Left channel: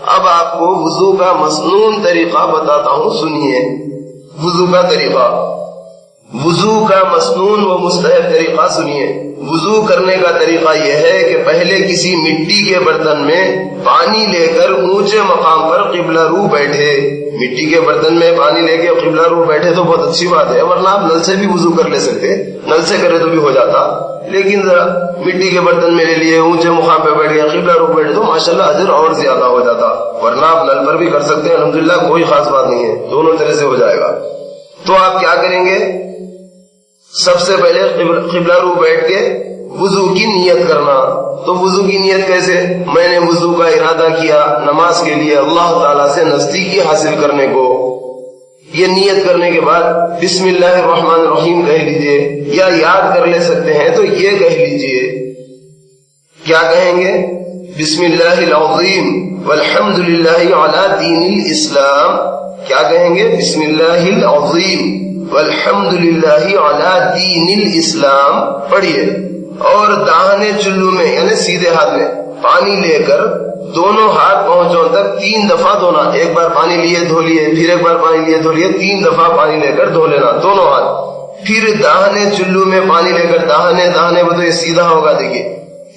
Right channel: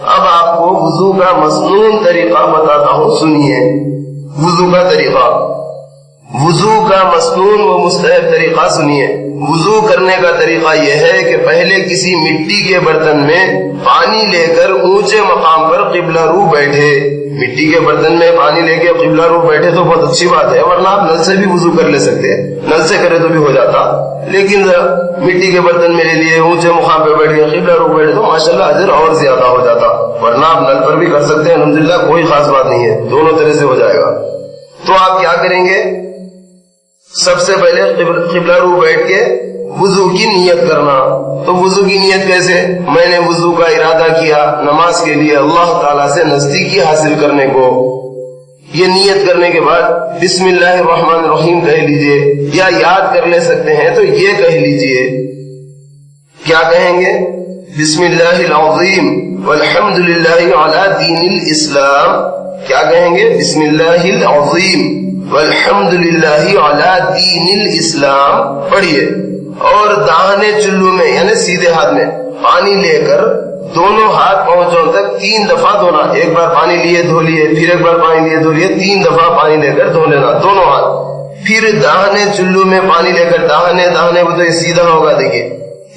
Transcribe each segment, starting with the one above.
اب آپ کو وضو کا مسنون طریقہ بتاتا ہوں، سنیے وضو کا طریقہ، وضو کا مسنون و مستحب طریقہ سنیے۔ وضو کرنے کا طریقہ یہ ہے کہ پہلے کسی مٹی کے برتن میں پانی لے کر اونچے مقام پر قبلہ رو بیٹھے۔ مٹی کے برتن میں پانی لے کے قبلہ رو بیٹھے تو بہت اچھی بات ہے، ورنہ آپ نل سے بھی وضو کر لے سکتے ہیں، نل سے کرے تو بھی ہو جاتا، لیکن ذرا مٹی کے برتن میں لے لیے، اونچے مقام پہ بیٹھ گئے، قبلہ رو بیٹھے تو ماشاءاللہ اجر اور زیادہ ہو جاتا، ورنہ آپ نل پر بھی کر سکتے ہیں، الحمدللہ کوئی خاص بات نہیں ہے، دونوں طرح سے ہو جائے گا۔ تو آپ کیا کریں گے؟ سب سے پہلے قبلہ رو بیٹھ کے وضو کی نیت کرنا۔ تو وضو کی نیت کیسے؟ میں نے وضو کا ارادہ کیا نماز کے لیے اللہ تعالیٰ سے نزدیکی حاصل کرنے کو، یہ نیت کرنے کے بعد بسم اللہ الرحمن الرحیم کہہ لیجئے، یا یاد کر لے سکتے ہیں تو یہ کہہ لیجئے، کیا کہیں گے؟ بسم اللہ العظیم والحمد للہ علی دین الاسلام۔ کیا کہیں گے؟ بسم اللہ العظیم والحمد للہ علی دین الاسلام پڑھیے، اور داہنے چلو میں یعنی سیدھے ہاتھ میں پانی لے کر دونوں ہاتھ پہنچوں تک 3 دفعہ دھونا۔ ایک بار پانی لیے دھو لیے، پھر ایک بار پانی لیے دھو لیے، 3 دفعہ پانی لے کر دھو لینا دونوں ہاتھ۔ پھر داہنے چلو میں پانی لے کر داہنے وہ تو یہ سیدھا ہوگا، دیکھیے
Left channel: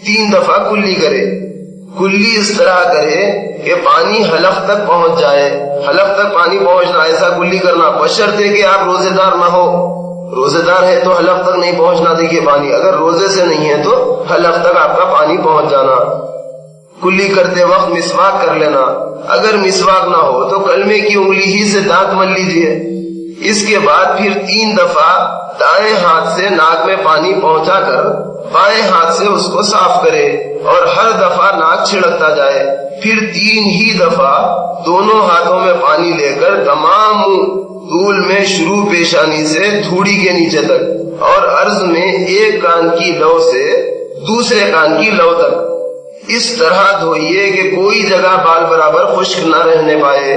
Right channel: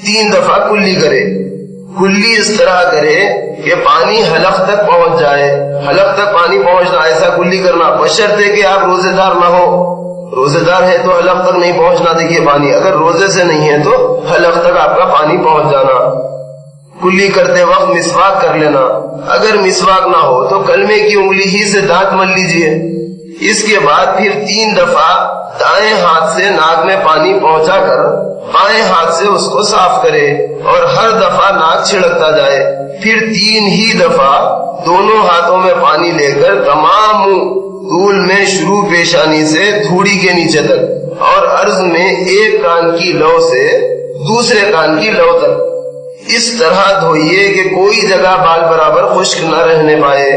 3 دفعہ کلی کرے، کلی اس طرح کرے کہ پانی حلق تک پہنچ جائے، حلق تک پانی پہنچنا، ایسا کلی کرنا، بشرطے کہ آپ روزے دار نہ ہو، روزے دار ہے تو حلق تک نہیں پہنچنا دیکھیے پانی، اگر روزے سے نہیں ہے تو حلق تک آپ کا پانی پہنچ جانا۔ کلی کرتے وقت مسواک کر لینا، اگر مسواک نہ ہو تو کلمے کی انگلی ہی سے دانت مل لیجئے۔ اس کے بعد پھر 3 دفعہ دائیں ہاتھ سے ناک میں پانی پہنچا کر بائیں ہاتھ سے اس کو صاف کرے، اور ہر دفعہ ناک چھڑکتا جائے۔ پھر 3 ہی دفعہ دونوں ہاتھوں میں پانی لے کر تمام طول میں شروع پیشانی سے تھوڑی کے نیچے تک، اور عرض میں ایک کان کی لو سے دوسرے کان کی لو تک اس طرح دھوئیے کہ کوئی جگہ بال برابر خشک نہ رہنے پائے۔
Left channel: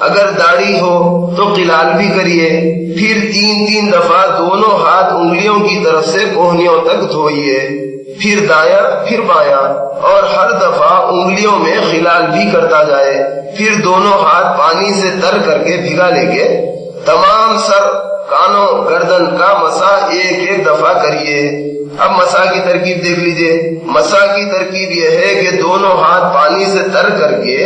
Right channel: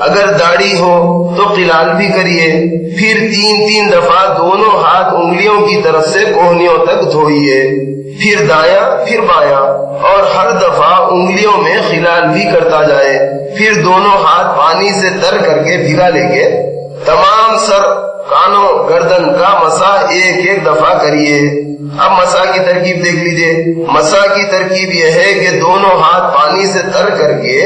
اگر داڑھی ہو تو قلال بھی کریے۔ پھر 3 دفعہ دونوں ہاتھ انگلیوں کی طرف سے کوہنیوں تک دھوئیے، پھر دایاں پھر بایاں، اور ہر دفعہ انگلیوں میں خلال بھی کرتا جائے۔ پھر دونوں ہاتھ پانی سے تر کر کے بھگا لے کے تمام سر، کانوں، گردن کا مسح ایک دفعہ کریے۔ اب مسح کی ترکیب دیکھ لیجئے۔ مسح کی ترکیب یہ ہے کہ دونوں ہاتھ پانی سے تر کر کے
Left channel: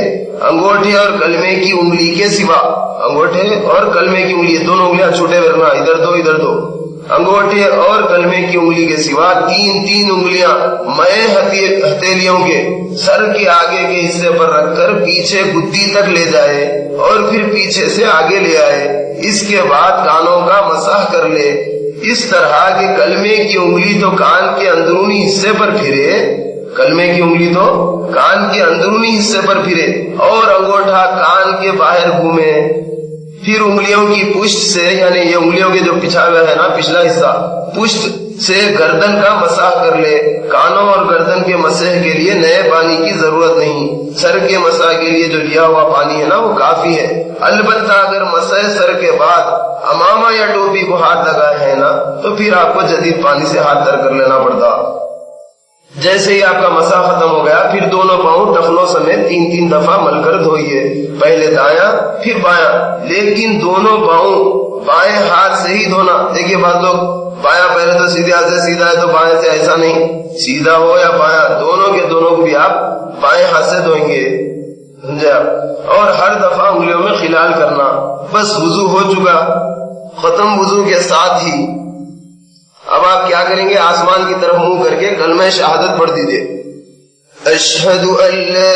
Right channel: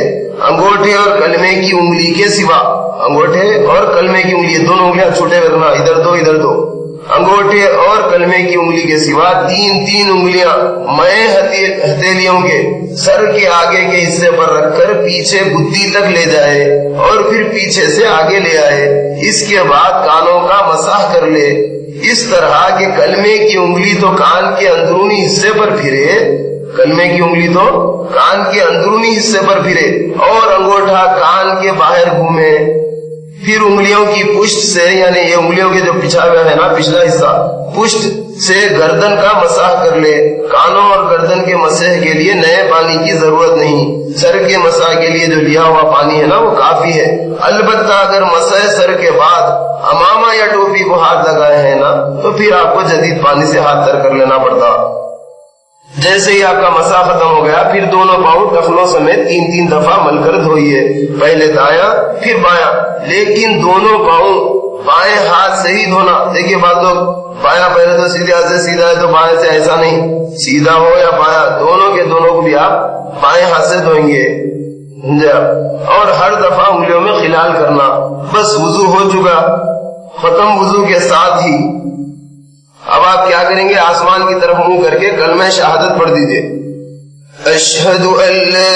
انگوٹھے اور کلمے کی انگلی کے سوا، انگوٹھے اور کلمے کی انگلی دونوں انگلیاں چھوٹے ورنہ ادھر دو ادھر دو، انگوٹھے اور کلمے کی انگلی کے سوا 3 انگلیاں مائیں ہتھیلیوں کے سر کے آگے کے حصے پر رکھ کر پیچھے گدی تک لے جائے، اور پھر پیچھے سے آگے لے آئے۔ اس کے بعد کانوں کا مسح کر لے، اس طرح کہ کلمے کی انگلی تو کان کے اندرونی حصے پر پھرے، کلمے کی انگلی تو کان کے اندرونی حصے پر پھرے، اور انگوٹھا کان کے باہر گھومے۔ پھر انگلیوں کی پشت سے، یعنی یہ انگلیوں کے جو پچھا ہوا ہے نا پچھلا حصہ، پشت سے گردن کا مسح کر لے۔ کانوں اور گردن کے مسح کے لیے نئے پانی کی ضرورت نہیں، سر کے مسح کے لیے جو لیا ہوا پانی ہے نا وہ کافی ہے۔ البتہ اگر مسح سر کے بعد امامہ یا ٹوپی کو ہاتھ لگائے ہیں نا تو پھر آپ کو جدید پانی سے ہاتھ تر کر لینا پڑتا۔ جیسے ہی آپ کا مسح ختم ہو گیا پھر دونوں پاؤں ٹخنوں سمیت 3 دفعہ مل کر دھوئیے، پہلے دایاں پھر بایاں، لیکن دونوں پاؤں بائیں ہاتھ سے ہی دھونا۔ دیکھیے بعض لوگ بایاں پہلے تو سیدھے ہاتھ سے سیدھا ہے تو بائیں سے، ایسا نہیں، سیدھا ہو یا بایاں دونوں کے دونوں کو بھی آپ بائیں ہاتھ سے دھوئیں گے، سمجھے آپ؟ اور ہر دفعہ انگلیوں میں خلال کرنا۔ بس وضو ہو چکا، ختم۔ وضو کے ساتھ ہی اب آپ کیا کریں گے؟ آسمان کی طرف منہ کر کے کلمہ شہادت پڑھ دیجئے، اشہد ان لا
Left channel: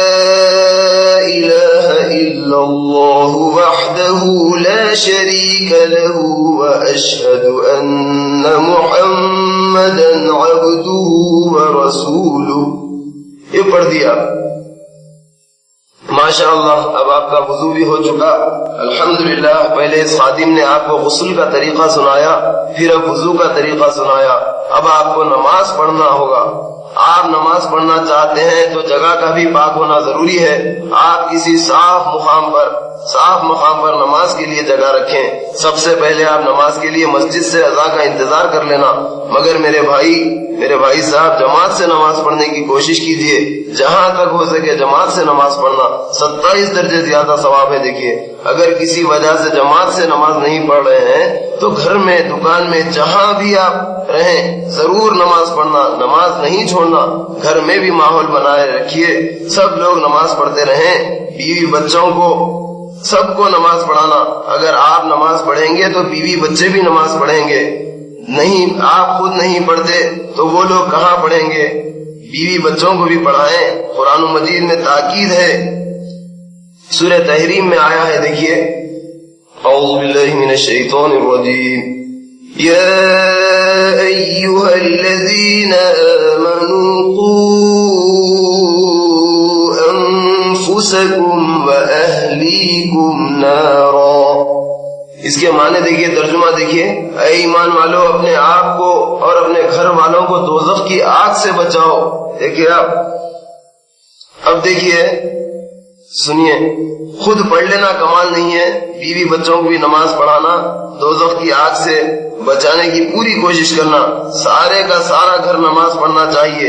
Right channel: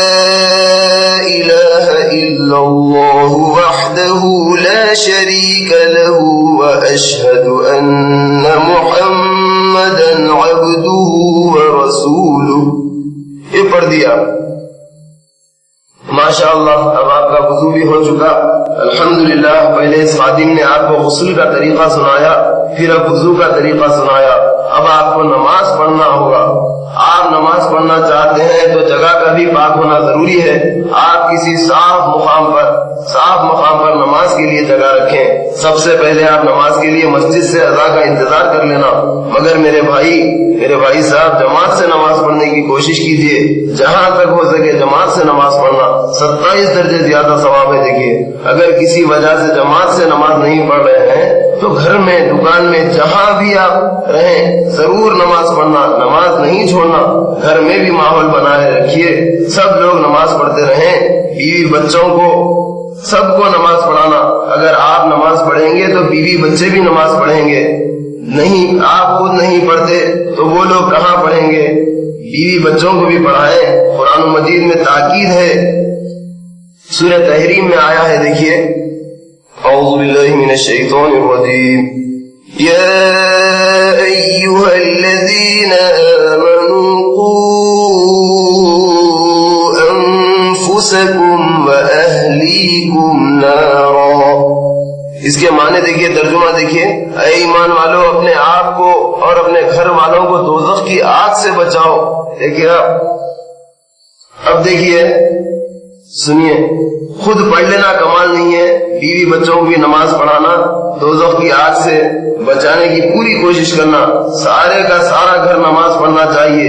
الہ الا اللہ وحدہ لا شریک لہ واشہد ان محمدا عبدہ ورسولہ۔ یہ پڑھ دیا، ماشاءاللہ اب آپ کا وضو بھی ہو چکا، الحمدللہ۔ پہلے اس خادم نے آپ کو غسل کا طریقہ سنایا، پھر اب وضو کا طریقہ سنایا، اب آپ کو نماز پڑھنا ہوگا۔ آپ نماز پڑھنا چاہتے ہیں تو جگہ کا بھی پاک ہونا ضروری ہے. آپ کسی صاف مقام پر نماز کے لیے جگہ رکھیں. سب سے پہلے آپ نماز کے لیے مسجد سے اذا کا انتظار کر لینا. مگر میرے بھائی صاحب، جماعت سے نماز پڑھنے کی کوشش کیجئے. جہاں تک ہو سکے جماعت سے نماز پڑھنا 27 درجے زیادہ ثواب ہے. دیکھیے، اگر کسی وجہ سے جماعت سے نماز نہیں پڑھ رہے ہیں تو گھر میں، دکان میں، جہاں بھی آپ رہیں ضرور نماز پڑھنا، نماز نہیں چھوڑنا. گھر میں بھی ماحول بنائے رکھیے، سب لوگ نماز پڑھتے رہیں. بیوی بچوں کو، سب کو نماز پڑھانا. اگر آپ نماز پڑھیں گے تو بیوی بچے بھی نماز پڑھیں گے. نہیں، آپ خود نہیں پڑھتے تو وہ لوگ کہاں پڑھیں گے؟ بیوی بچوں کو بھی پڑھائیں. قرآن مجید میں تاکید ہے، سورہ تحریم میں آیا ہے. دیکھیے، اعوذ باللہ من الشیطان الرجیم. یا ایھا الذین آمنوا قوا انفسکم واہلیکم نارا. اس کے معنی دیکھیے، ترجمہ دیکھیے. اے ایمان والو، اپنے آپ کو اور اپنے گھر والوں کو دوزخ کی آگ سے بچاؤ. دیکھیے اب دیکھیے، سنیے، خود پڑھ لینا کمال نہیں ہے، بیوی بچوں کو بھی نماز پڑھانا، دوزخ کی آگ سے بچانے کی پوری کوشش کرنا. سارے کا سارا گھر نماز پڑھنا چاہیے.